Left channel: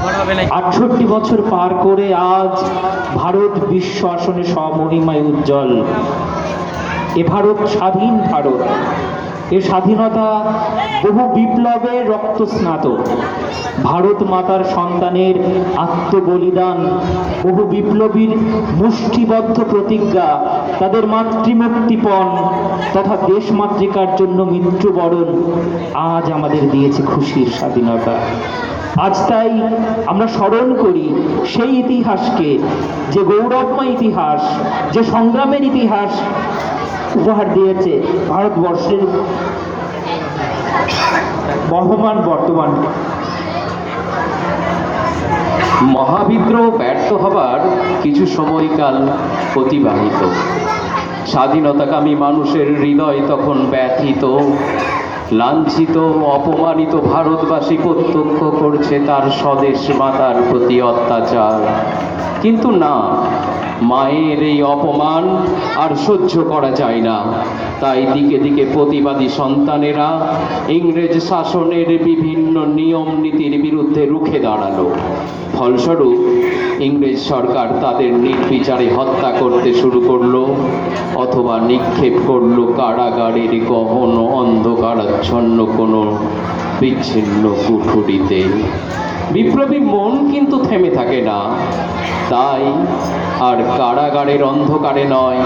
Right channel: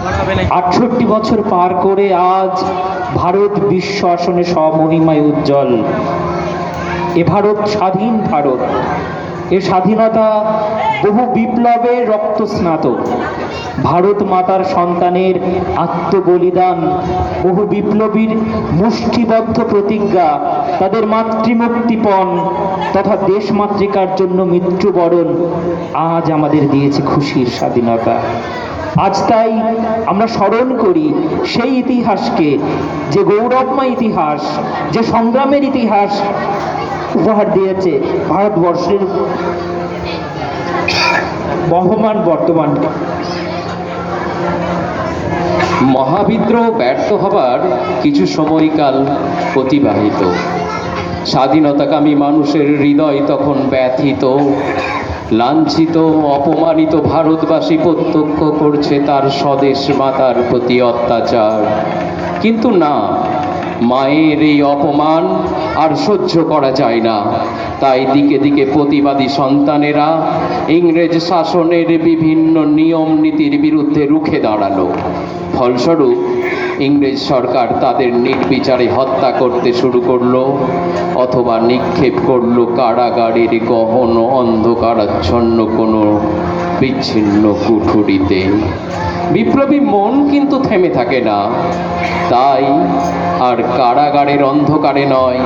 68 বছর পার করে আজ ভারত বিশ্ব আসনে স্বমহিমায় উজ্জ্বল। এ ভারত স্বাধীন ভারত। এ স্বাধীনতা বহু বিপ্লবে রক্তস্নাত। ভারত মাতার সন্তানের আত্মবলিদান, বহু বিপ্লবীর মুষ্টিবদ্ধ প্রতিজ্ঞা, তাদের মাতৃমুক্তিপণ তথা দেশমাতৃকার জন্য মৃত্যুবরণ আজ আমাদের দিয়েছে খুশির স্বাধীনতা। আজ তাই আমরা স্মরণ করি সেই ইতিহাসকে, যে গৌরবময় ইতিহাস, যে সংগ্রামের ইতিহাস উপহার দিয়েছে ভারতবর্ষের বহমান বর্তমান। মহাবিদ্রোহ ব্যর্থ হবার কিছু সময়কাল অতিবাহিত। স্বাধীনতাকামী মানুষের হৃদয় তখন ব্যথিত, লাঞ্ছিত, অপমানিত ভারতবাসী প্রত্যক্ষ করছে তার স্বদেশ মাতার প্রতি অত্যাচার। কিন্তু না, মায়ের এই অপমান আর সহ্য করা যায় না। তাই দিকে দিকে প্রতিবাদী সন্তানেরা ইংরেজ শাসনের বিভিন্ন নিয়ম নীতির বিরুদ্ধে রুখে দাঁড়ালো। ফলস্বরূপ ইংরেজ সরকার তাদের নির্বিচারে হত্যা করতে শুরু করলো অথবা নিক্ষেপ করলো কারাগারের গহন অন্ধকারাচ্ছন্ন কোনো বিচ্ছিন্ন কুঠুরিতে। বিপ্লবী মন কিন্তু থেমে থাকে না। তাই আর কারাগারের অন্ধকারে নয়,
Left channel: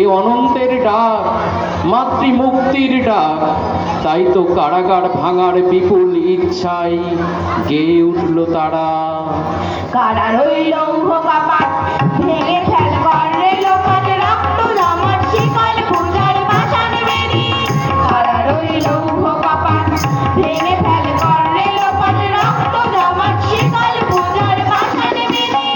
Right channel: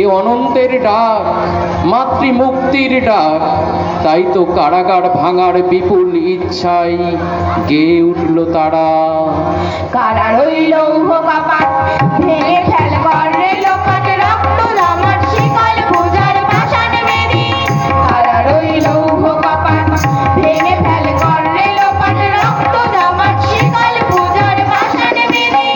এ অনন্তের ডাক, মাতৃমুক্তির ডাক। তাই তো কারাগার ভাঙার বিপুল ইচ্ছায় গেয়ে উঠল তারা। কারা রইল কপাট ভেঙে ফেল করে লোপাট, রক্ত জমাট শিকল পূজার বাসন বেরি। কারা রইল কপাট ভেঙে ফেল করে লোপাট, রক্ত জমাট শিকল পূজার বাসন বেরি।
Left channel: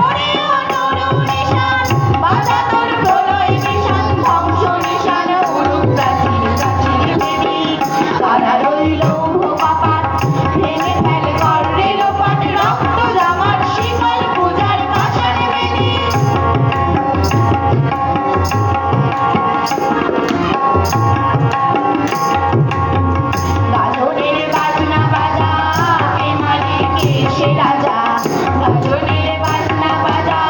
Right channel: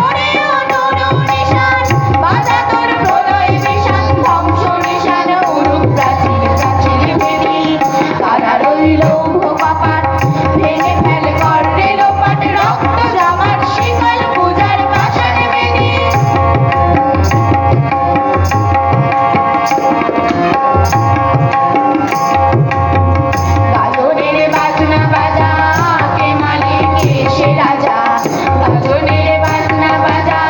ওরে অনুরু নিশান বাজা তোর প্রলয় নিশান, ধ্বংস নিশান উড়ুক প্রাচীর প্রাচীর বেরি। কারা রইল কপাট ভেঙে ফেল করে লোপাট, রক্ত জমাট শিকল পূজার বাসন বেরি। গাজনের বাজনা বাজা কে মালিক কে সে রাজা, গাজনের বাজনা বাজা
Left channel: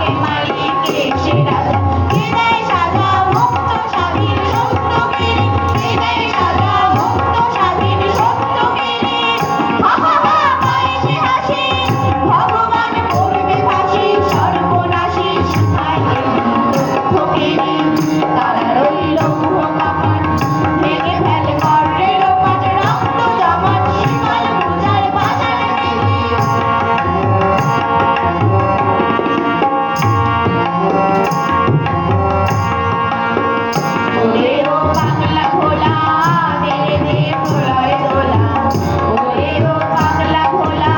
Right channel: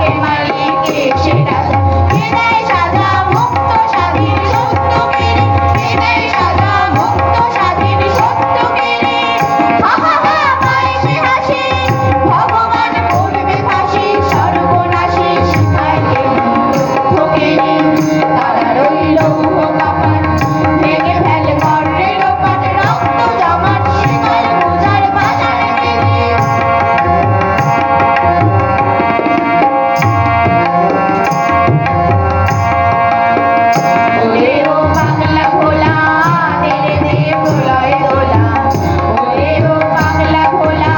কে মালিক কে সে রাজা। কে দেয় সাজা মুক্ত স্বাধীন সত্য কেড়ে, কে দেয় সাজা মুক্ত স্বাধীন সত্য কেড়ে। হা হা হা পায় সে হাসি, ভগবান করবে ফাঁসি, সর্বনাশী শিখায় দুঃখ কেড়ে। তারা রইল কপাট ভেঙে ফেল করে লোপাট, রক্ত জমাট শিকল পূজার বাসন বেরি। ওরে ও পাগলা ভোলা তেরে দিয়ে প্রলয় দোলা, ওরে ও পাগলা ভোলা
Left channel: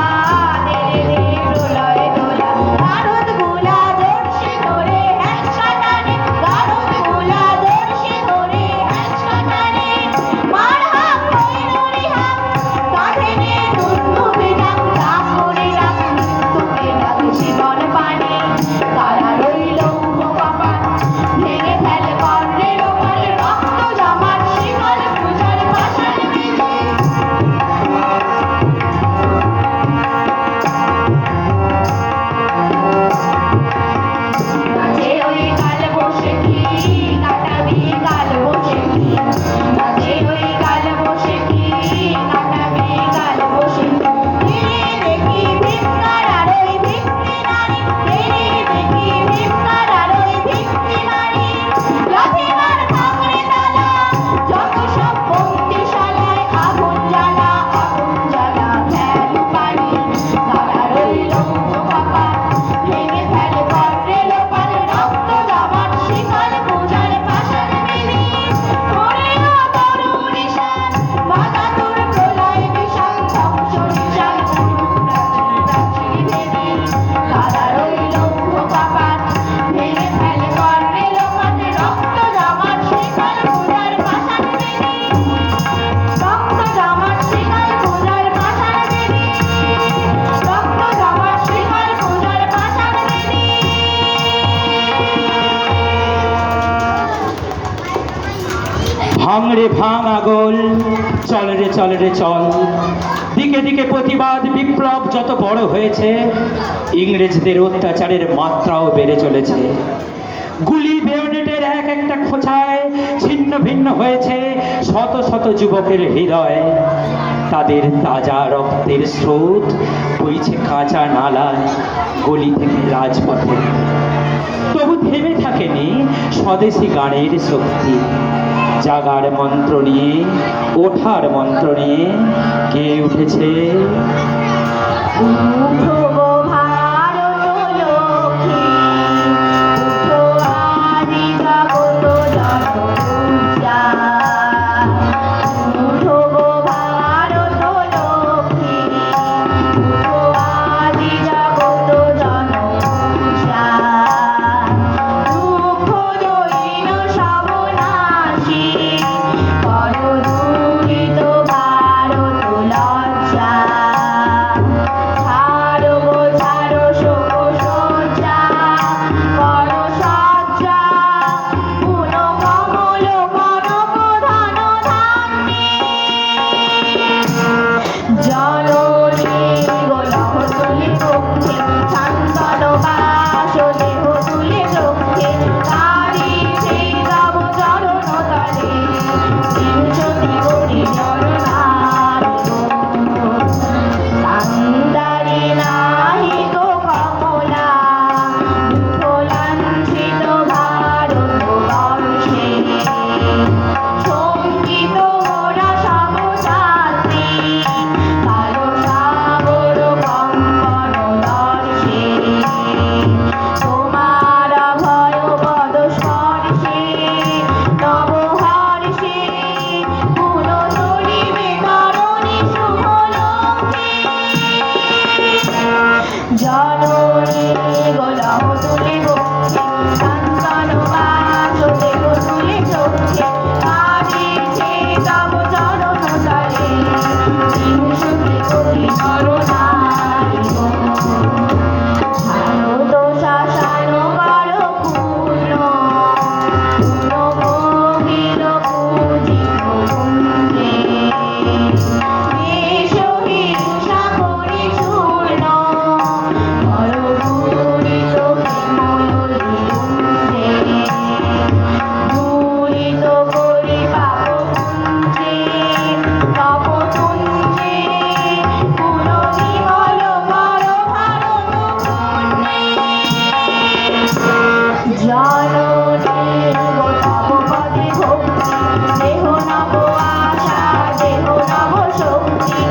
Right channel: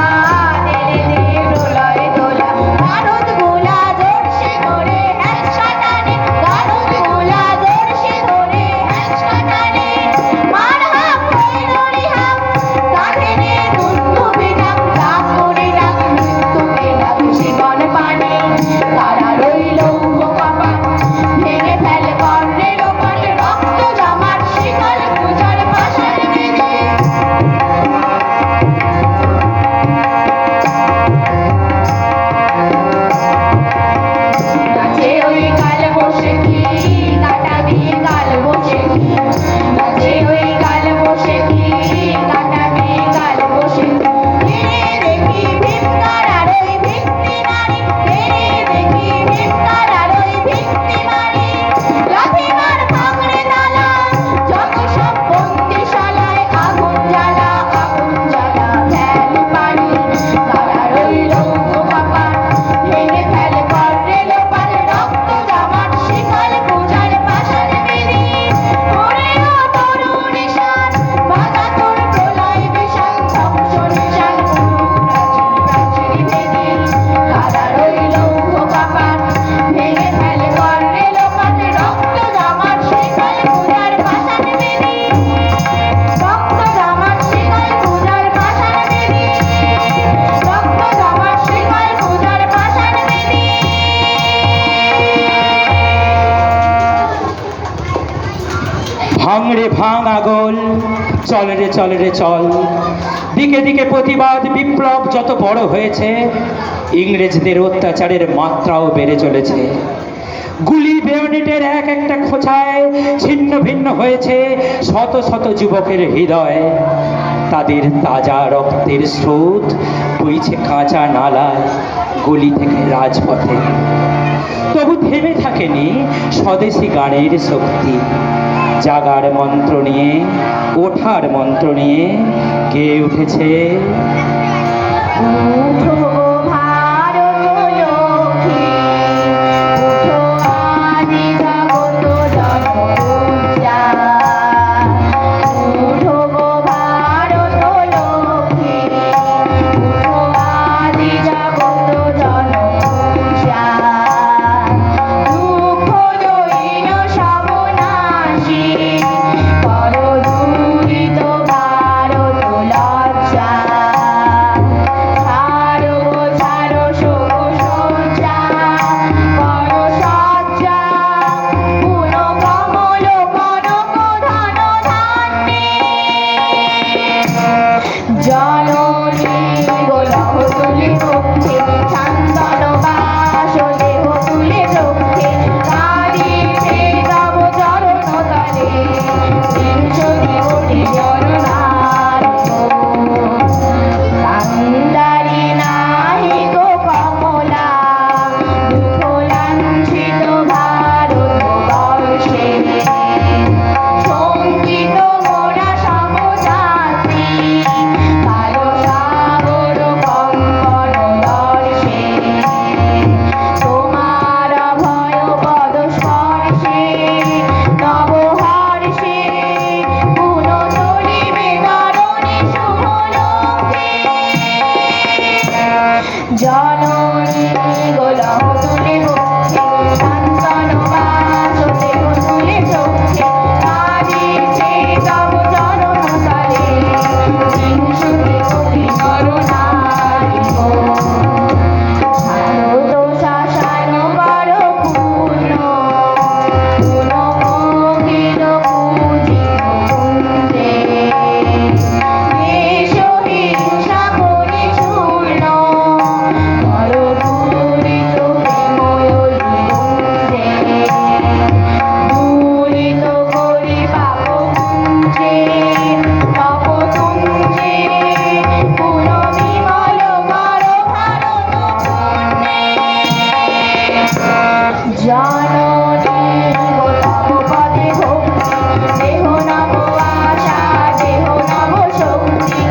তেরে দিয়ে প্রলয় দোলা। গারদ গোলা জোরসে ধরে একসাটানে, গারদ গোলা জোরসে ধরে একসাটানে। মার হাম কইরুরি হাম তাকে নে দুন্দুবি ডাক, ডাক করে ডাক মৃত্যুকে ডাক জীবন পানে। কারা রইল কপাট ভেঙে ফেল করে লোপাট, রক্ত জমাট শিকল পূজার বাসন বেরি। গাছে ওই কাল বসে কি কাটা দিয়ে কাল বসে কি, গাছে ওই কাল বসে কি কাটা দিয়ে কাল বসে কি। তেরে দেখি ভিক্ষার আর ওই ভিক্ষি নারী, তেরে দেখি ভিক্ষার আর ওই ভিক্ষি নারী। লাথি মার ভাঙড়ে তালা যত সব বন্দিশালায়, আগুন জ্বালা ফেল পানি। কারা রইল কপাট ভেঙে ফেল করে লোপাট, রক্ত জমাট শিকল পূজার বাসন বেরি। ওরে ও তরু নিশান বাজা তোর প্রলয় বিশান, ধ্বংস নিশান উড়ুক প্রাচীর প্রাচীর বেরি। কারা রইল কপাট ভেঙে ফেল করে লোপাট, রক্ত জমাট শিকল পূজার বাসন বেরি। রক্ত জমাট শিকল পূজার বাসন বেরি, রক্ত জমাট শিকল পূজার বাসন বেরি। ভাঙ রে ভাঙ আগল, চল রে চল রে চল, দিকে দিকে প্রতিবাদ বিপ্লব যত বড় হয়েছে, ইংরেজদের অত্যাচারের মাত্রাও বেড়ে চলেছে। গুলি বেয়োনেটের এক একটা খোঁচায় ছিন্ন ভিন্ন হয়েছে শত শত যুবকের হৃদয়। তাদের তাজা রক্তের স্রোত বইছে কাঁচা নালায় গলি থেকে রাজপথে। তবু থেমে থাকেনি স্বদেশী গানের শক্তি। জাগার মন্ত্র নিয়ে, ওঠার মন্ত্র নিয়ে কে উঠেছে? উঠো গো ভারত লক্ষ্মী, উঠো আদি জগত জনপূজা। উঠো গো ভারত লক্ষ্মী, উঠো আদি জগত জনপূজা। দুঃখ দৈন্য সব নাশী, করো দুরিত ভারত লজ্জা। ছাড়ো ছাড়ো শোক সজ্জা, করো সজ্জা। পুন কমল কনক ধন ধান্যে। জননী গোলক তুলি বক্ষে, শান্তন বাস দেহ তুলে বক্ষে। কাঁদিছে তব চরণ তলে, বিংশতি কোটি জননায়ক। কান্দারি নাহি গো কমলা, দুঃখ লাঞ্ছিত ভারতবর্ষে। শঙ্কিত মোরা সমযাত্রী, কালো সাগর কঙ্কণ দর্শে। তোমার অভয় পদ স্পর্শে, নব হর্ষে। পুন চলিবে তরণী শুভলোকে। জননী গোলক তুলে বক্ষে, শান্তন বাস দেহ তুলে চক্ষে। কাঁদিছে তব চরণ তলে, বিংশতি কোটি নরনারী। শারদ শাসন কর পূর্ণ, পুন মোহিল পূজিত কুঞ্জে। বেশ হিংসা করি চূর্ণ, কর পূরিত প্রেময়ী কুঞ্জে। পূরিত করি পাপ কুঞ্জে, তপ কুঞ্জে। পুন বিমল কর ভারত পুণ্যে। জননী গো তব পদে ভক্তি, দেহ নব আশা, দেহ নব শক্তি।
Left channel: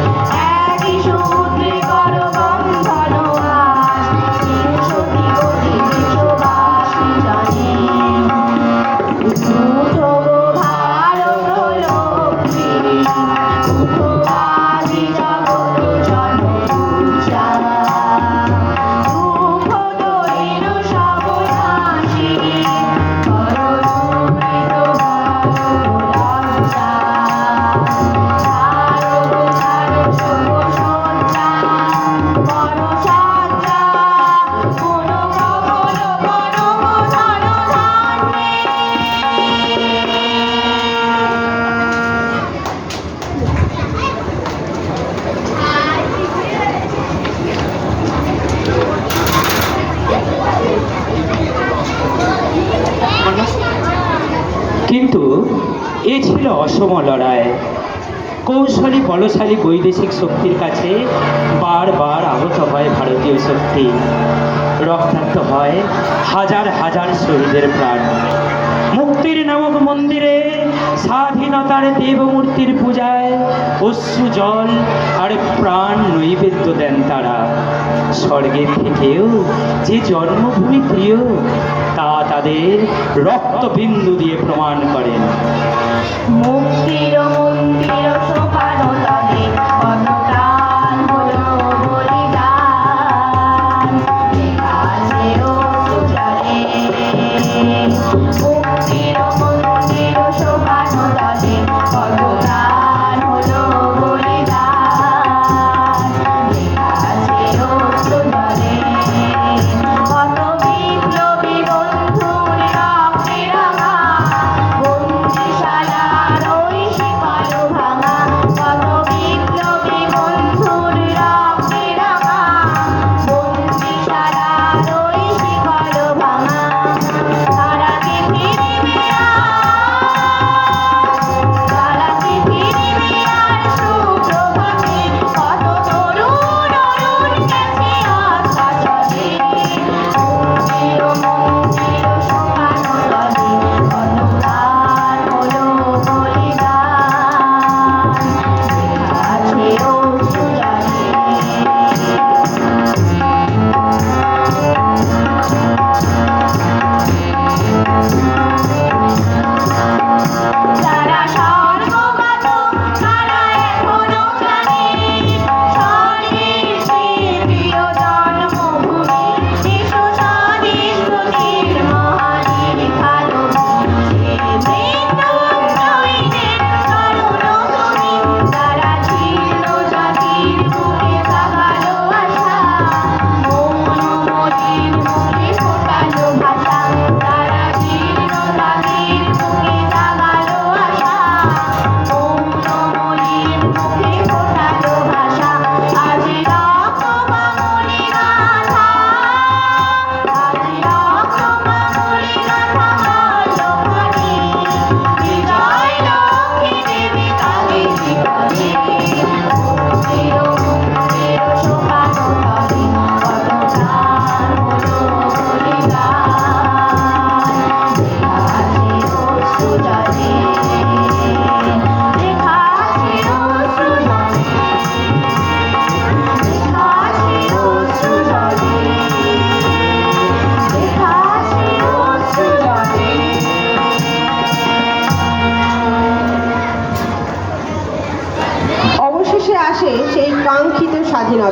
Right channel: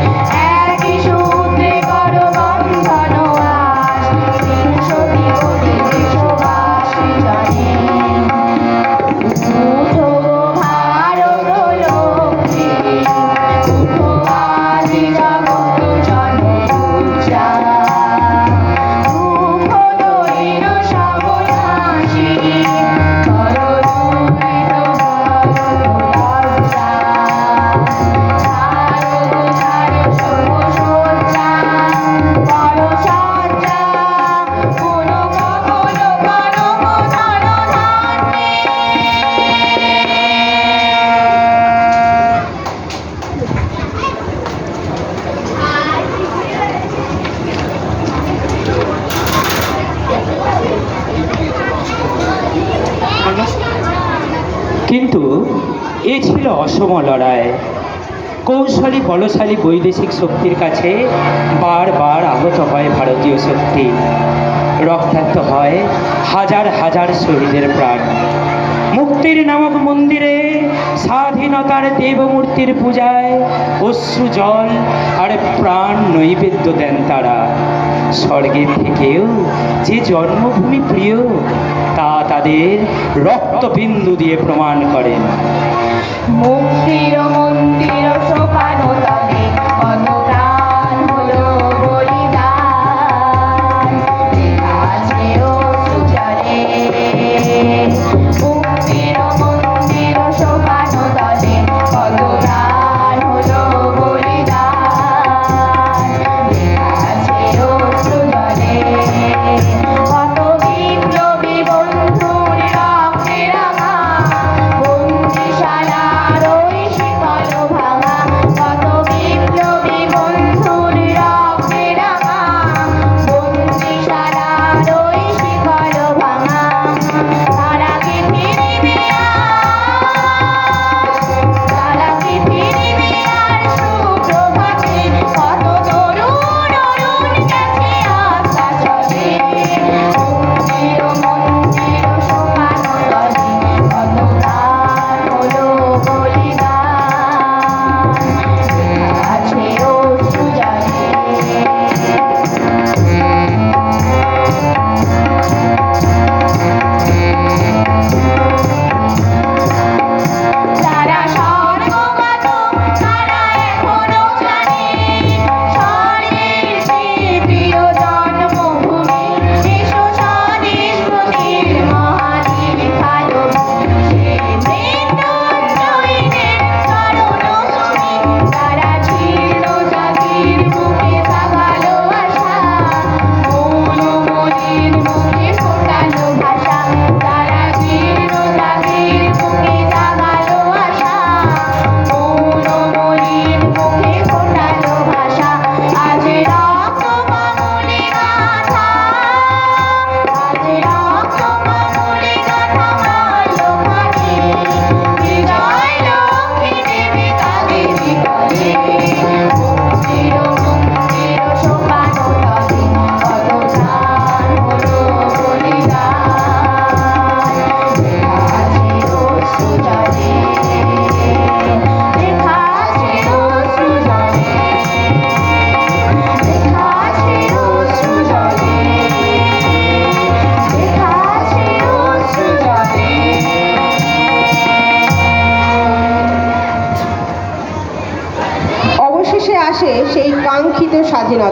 একই সূত্রে কর বন্ধন আস, বিংশতি কোটি দেশবাসী জনে। উঠো গো ভারত লক্ষ্মী, উঠো আদি জগত জনপূজা। দুঃখ দৈন্য সব নাশী, করো দুরিত ভারত লজ্জা। ছাড়ো ছাড়ো শোক সজ্জা, করো সজ্জা। পুন কমল কনক ধন ধান্যে। কিন্তু এ ছিল অসম লড়াই। কৌশলী বলশালী বৈদেশিক শক্তির কাছে বারবার আহত হয় ভারতীয় শক্তি। রক্তাক্ত হয় হাজার হাজার শহীদের প্রাণ। মুক্তির নামক মন্দিরে স্বাধীনতার দেবমূর্তির পূজায় অশ্রু জল আর প্রাণ নৈবেদ্য দেন তারা। স্বর্গের থেকেও যে জন্মভূমি প্রিয়, তা তাদের রক্তবিন্দু দিয়ে প্রমাণ করেন। মুক্তির মন্দির সোপান তলে, কত প্রাণ হলো বলিদান। আছে অশ্রু জলে। মুক্তির মন্দির সোপান তলে, কত প্রাণ হলো বলিদান। আছে অশ্রু জলে। কত বিপ্লবী বন্ধুর রক্তে রাঙা, বন্দিশালার ওই শিকল ভাঙা।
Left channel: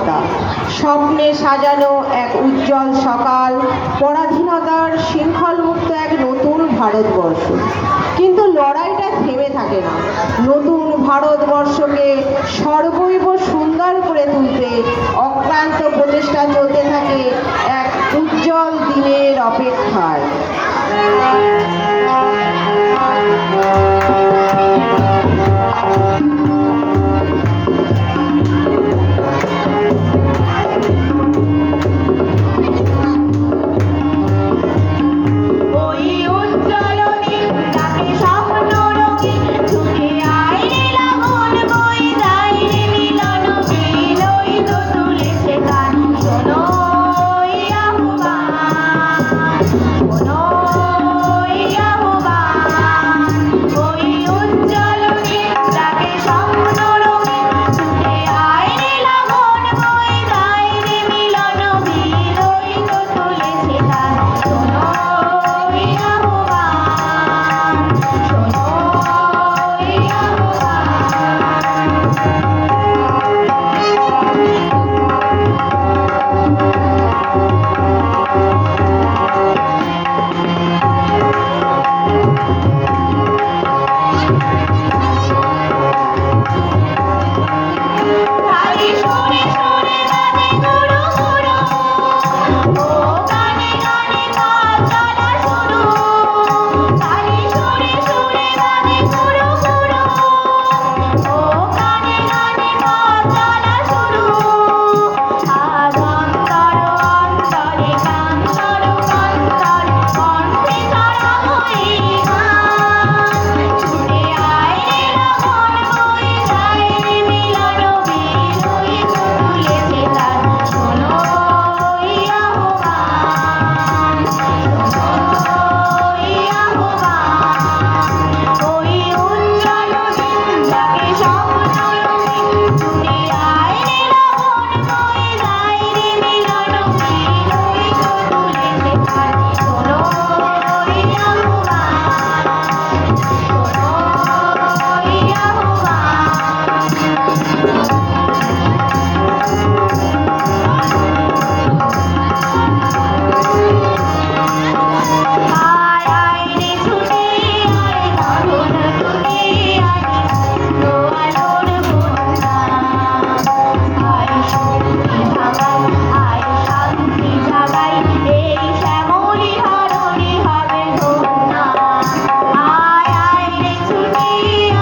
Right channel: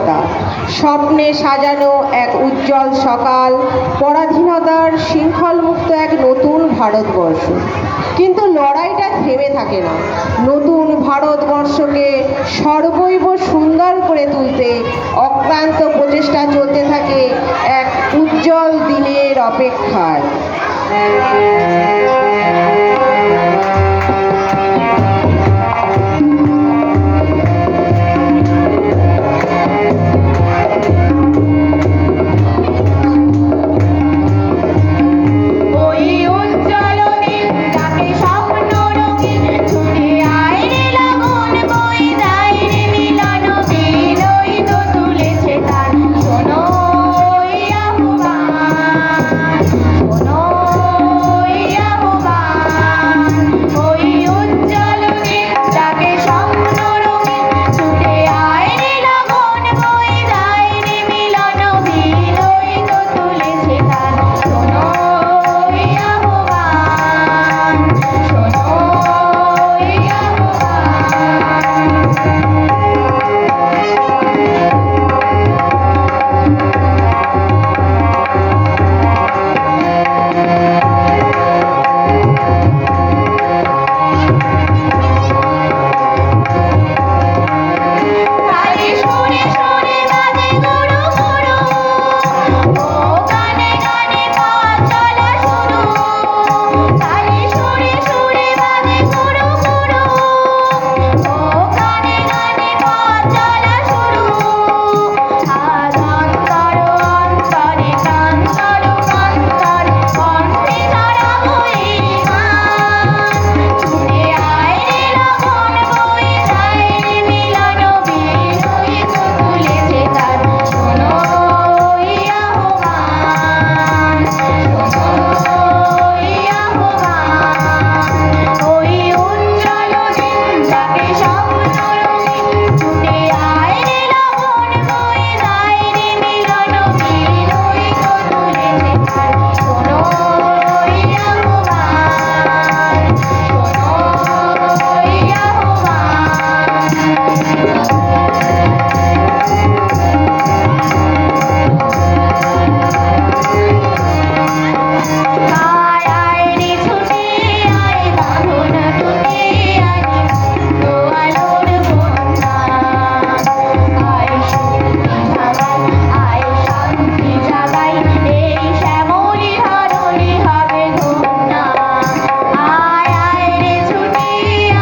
স্বাধীনতা, স্বপ্নে সাজানো এক উজ্জ্বল সকাল, পরাধীনতার শৃঙ্খলমুক্ত এক নতুন ভারতবর্ষ। কিন্তু লড়াইটা থেমে থাকে না। নতুন ভারতবর্ষকে সর্বৈব সুন্দর করে তুলতে অক্লান্ত প্রচেষ্টা চলতে থাকে এক উজ্জ্বল দিনের অপেক্ষায়। ওই উজ্জ্বল দিন তাকে স্বপ্ন রঙিন ছুটে আয় রে লগন বয়ে যায় রে মিলন বিল ওই তো তুলেছে তার শোনো ওই আহ্বান, শোনো ওই আহ্বান। ওই উজ্জ্বল দিন তাকে স্বপ্ন রঙিন ছুটে আয় রে লগন বয়ে যায় রে মিলন বিল ওই তো তুলেছে তার শোনো ওই আহ্বান, শোনো ওই আহ্বান। তালি সুরে সুরে বাজে গুরু গুরু, ও গানে গানে পথ চলা শুরু। তালি সুরে সুরে বাজে গুরু গুরু, ও গানে গানে পথ চলা শুরু। আজ অন্তর অন্তরে গান চলো অন্তরে, কণ্ঠে ছড়াবো এই গান। ছুটে আয় রে লগন বয়ে যায় রে মিলন বিল ওই তো তুলেছে তার শোনো ওই আহ্বান, শোনো ওই আহ্বান। ওই উজ্জ্বল দিন যাকে স্বপ্ন রঙিন ছুটে আয় রে লগন বয়ে যায় রে মিলন বিল ওই তো তুলেছে তার শোনো ওই আহ্বান, শোনো ওই আহ্বান। আয় আয় রে ছুটে আয় বাঁধন টুটে আয় তো আলোর বন্যা। আয় শক্তি জাগাই, আয় শান্তি জাগাই, এই শ্যামলী ধরণী হবে ধন্য। আয় আয় রে ছুটে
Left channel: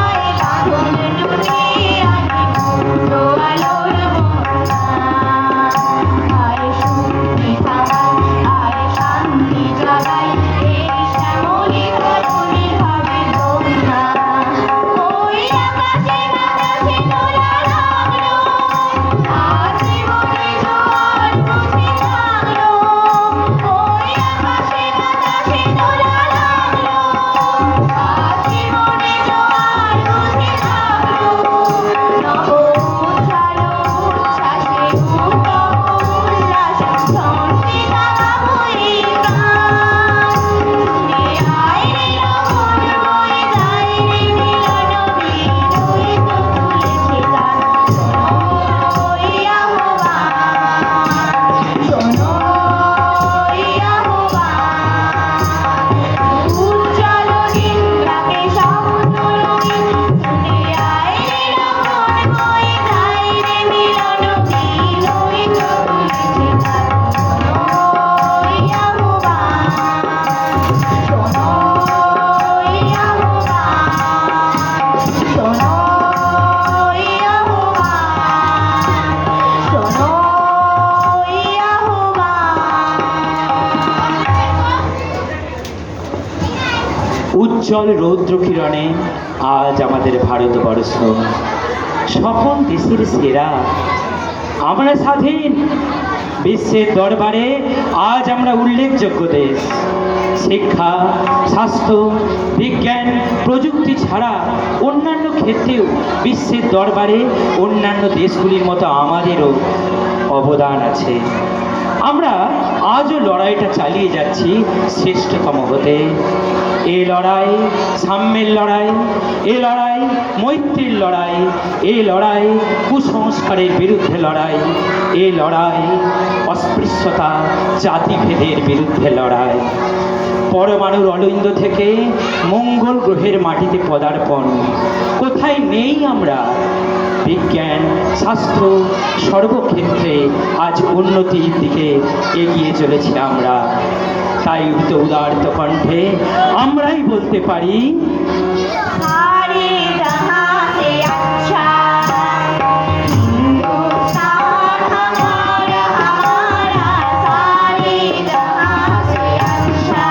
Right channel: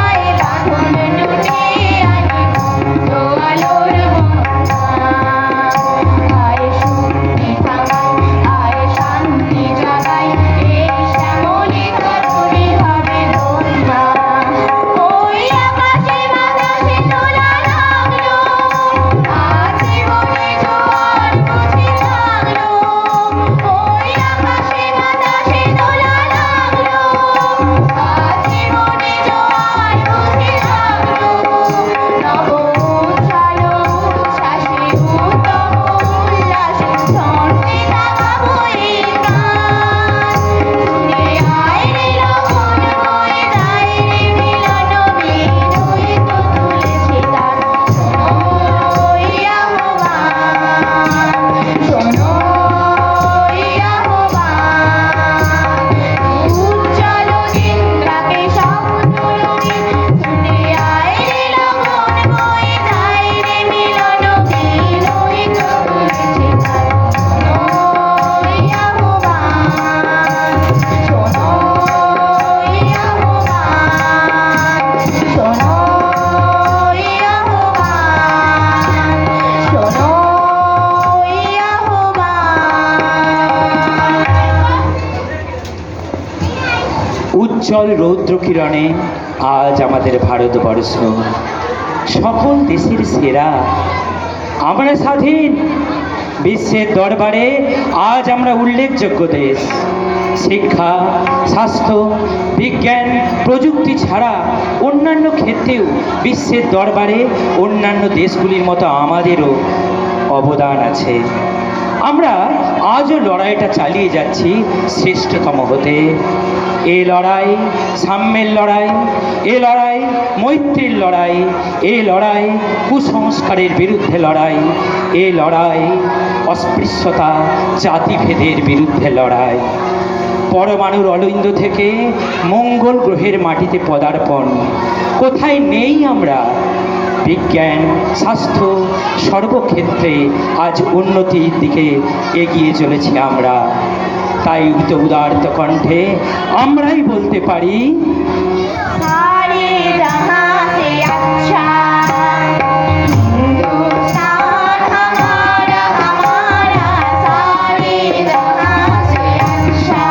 আয় বাঁধন টুটে আয় তো আলোর বন্যা। আয় শক্তি জাগাই, আয় শান্তি জাগাই, এই শ্যামলী ধরণী হবে ধন্য। ওই আকাশে বাতাসে দোলা লাগলো, আজ জীবনে জোয়ার বুঝি জাগলো। ওই আকাশে বাতাসে দোলা লাগলো, আজ জীবনে জোয়ার বুঝি জাগলো। নব উচ্ছ্বাস উচ্ছ্বাসে উত্তম উল্লাসে ছন্দে জাগাবো এই গান। ছুটে আয় রে লগন বয়ে যায় রে মিলন বিল ওই তো তুলেছে তার শোনো ওই আহ্বান, শোনো ওই আহ্বান। উজ্জ্বল দিন যাকে স্বপ্ন রঙিন ছুটে আয় রে লগন বয়ে যায় রে মিলন বিল ওই তো তুলেছে তার শোনো ওই আহ্বান, শোনো ওই আহ্বান, শোনো ওই আহ্বান, শোনো ওই আহ্বান। উজ্জ্বল রৌদ্র কিরণে আজ আমাদের ভারতবর্ষ সকল দেশের সেরা। আমরা স্বাধীন, বিশ্বের দরবারে আজ আমরা উল্লেখযোগ্য দেশ। শিক্ষা, স্বাস্থ্য, বিজ্ঞান, প্রযুক্তি ছাড়া অন্যান্য ক্ষেত্রেও বিশ্বের দরবারে অন্যান্য দেশগুলির মতো আমাদেরও অবদান আছে। আমরা আজও লড়াইটা চালিয়ে যাচ্ছি শ্রেষ্ঠতম হতে। এই লড়াই সাম্যের লড়াই, এ লড়াই মৈত্রীর লড়াই, এই লড়াই কুসংস্কারের বিরুদ্ধে লড়াই, এই লড়াই অস্পৃশ্যতা জাতিভেদের বিরুদ্ধে লড়াই। পরমাণুর অলিন্দ থেকে মঙ্গল গ্রহের মাটিতে পদার্পণ। কোথায় নেই আমরা? বিজ্ঞান, স্বাস্থ্য, সর্বক্ষেত্রে আজ উন্নতির দিকে এগিয়ে চলেছি আমরা। তাই তো উদারত কণ্ঠে আমরাই বলতে পারি, सारे जहां से अच्छा हिंदुस्तान हमारा हमारा, सारे जहां से अच्छा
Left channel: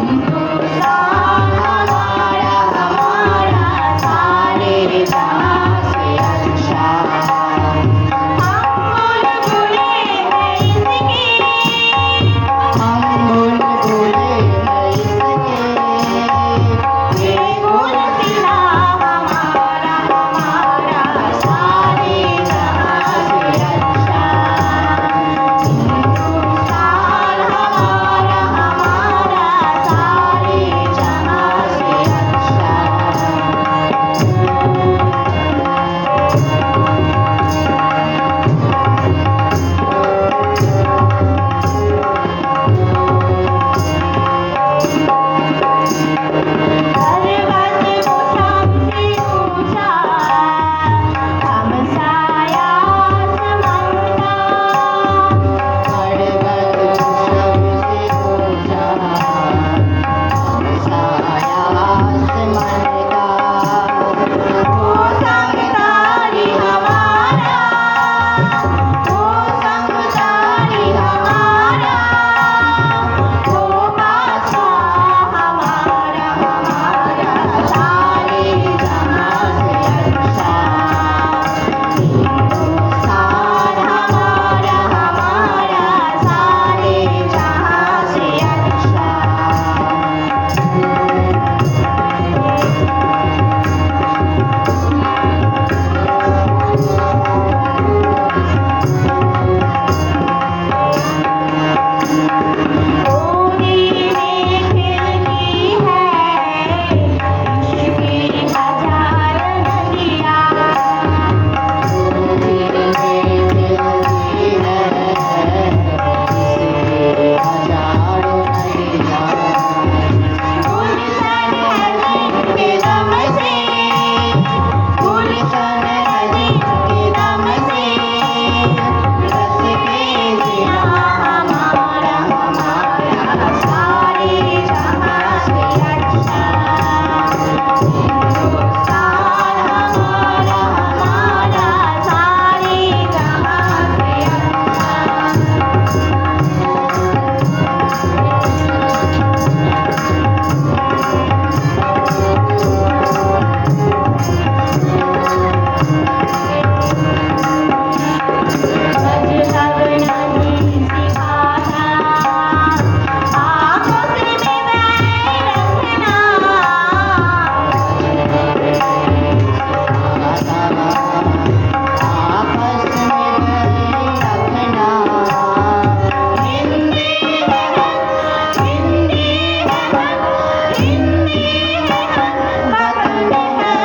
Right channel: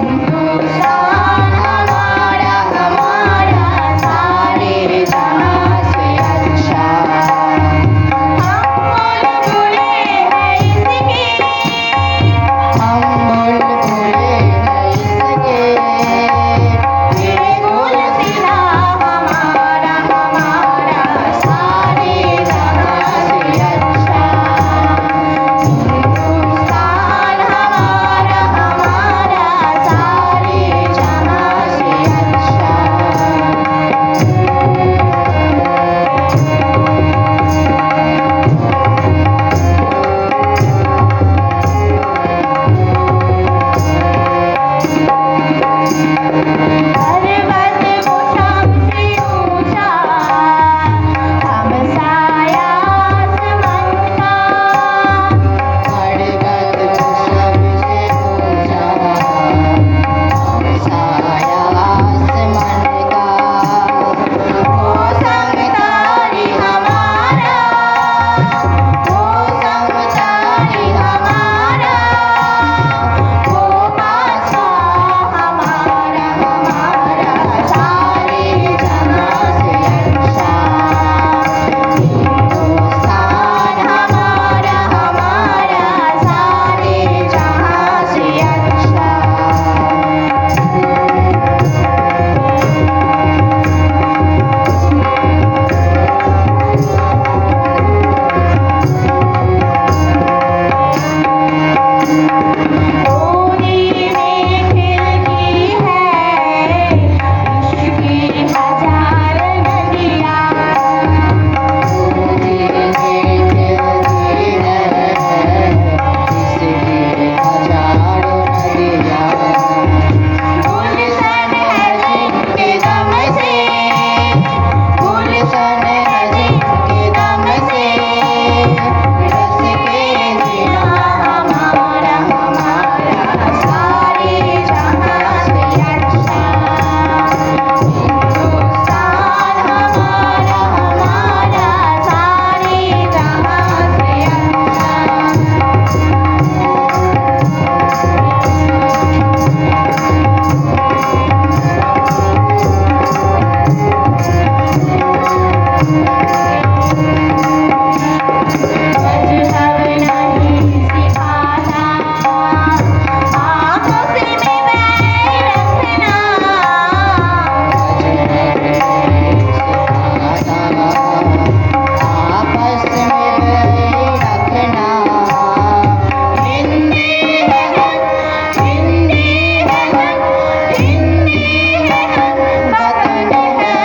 हिंदुस्तान हमारा हमारा, सारे जहां से अच्छा। हम बुलबुले हैं इसके, ये गुलसिना हमारा हमारा, सारे जहां से अच्छा हिंदुस्तान हमारा हमारा, सारे जहां से अच्छा। पर्वत वो सबसे ऊंचा, हम साया आसमान का। पर्वत वो सबसे ऊंचा, हम साया आसमान का। वो संगतारी हमारा, वो संगतारी हमारा, वो बादशाह हमारा हमारा, सारे जहां से अच्छा हिंदुस्तान हमारा हमारा, सारे जहां से अच्छा। कोने में खिलती है इश्क की हजार नदियाँ, कोने में खिलती है इश्क की हजार नदियाँ। गुलशन है जिनके दम से, गुलशन है जिनके दम से, रस के जीना हमारा हमारा, सारे जहां से अच्छा हिंदुस्तान हमारा हमारा, सारे जहां से अच्छा। मज़हब नहीं सिखाता, आपस में बैर रखना। मज़हब नहीं सिखाता, आपस में बैर रखना। हिंदी है हम, हिंदी है हम, हिंदी है हम, वतन है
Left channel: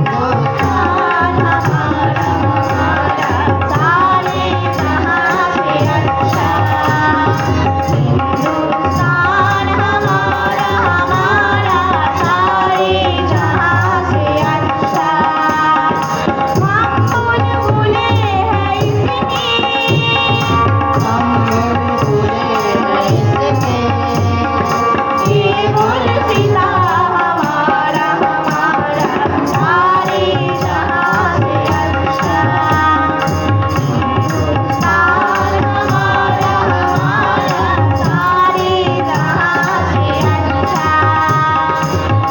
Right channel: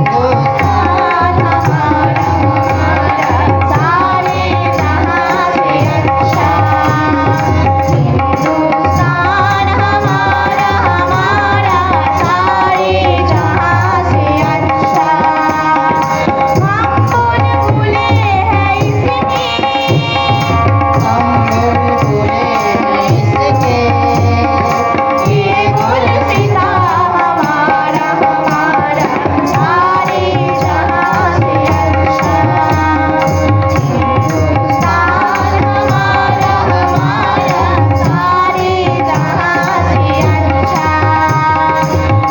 हिंदुस्तान हमारा हमारा, सारे जहां से अच्छा हिंदुस्तान हमारा हमारा, सारे जहां से अच्छा। हम बुलबुले हैं इसके, हम बुलबुले हैं इसके, ये गुलसिना हमारा हमारा, सारे जहां से अच्छा हिंदुस्तान हमारा हमारा, सारे जहां से अच्छा,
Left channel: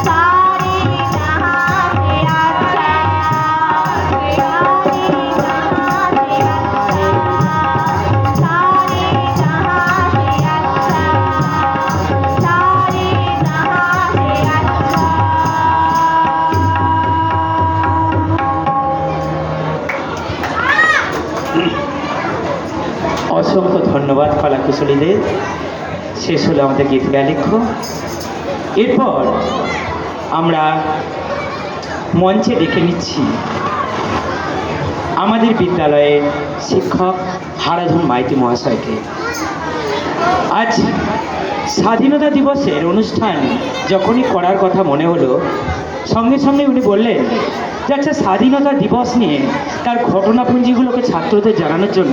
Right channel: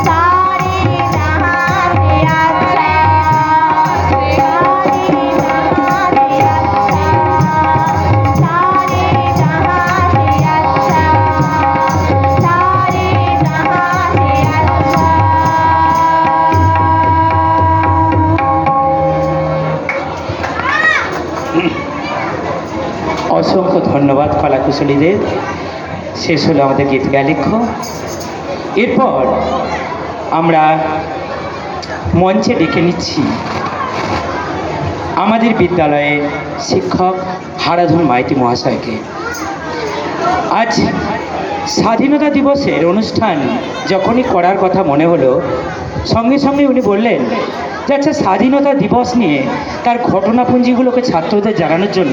सारे जहां से अच्छा, सारे जहां से अच्छा, सारे जहां से अच्छा, सारे जहां से अच्छा। অসংখ্য ধন্যবাদ কলাকুশলীদের। শেষ হলো আমাদের গীত গালিখ্য। এরপর আমরা মঞ্চে ডেকে নিচ্ছি আমাদের বিদ্যালয়ের শিক্ষক হারাধন মাইতি মহাশয়কে। আজ স্বাধীনতা দিবসের অনুষ্ঠান যখনই করার কথা মনে হলো, সঙ্গে সঙ্গে উনি বললেন যে আচ্ছা, স্বাধীনতা দিবস নিয়ে তার ঘটনাপুঞ্জিগুলোকে ছাত্রদের জানানোর জন্য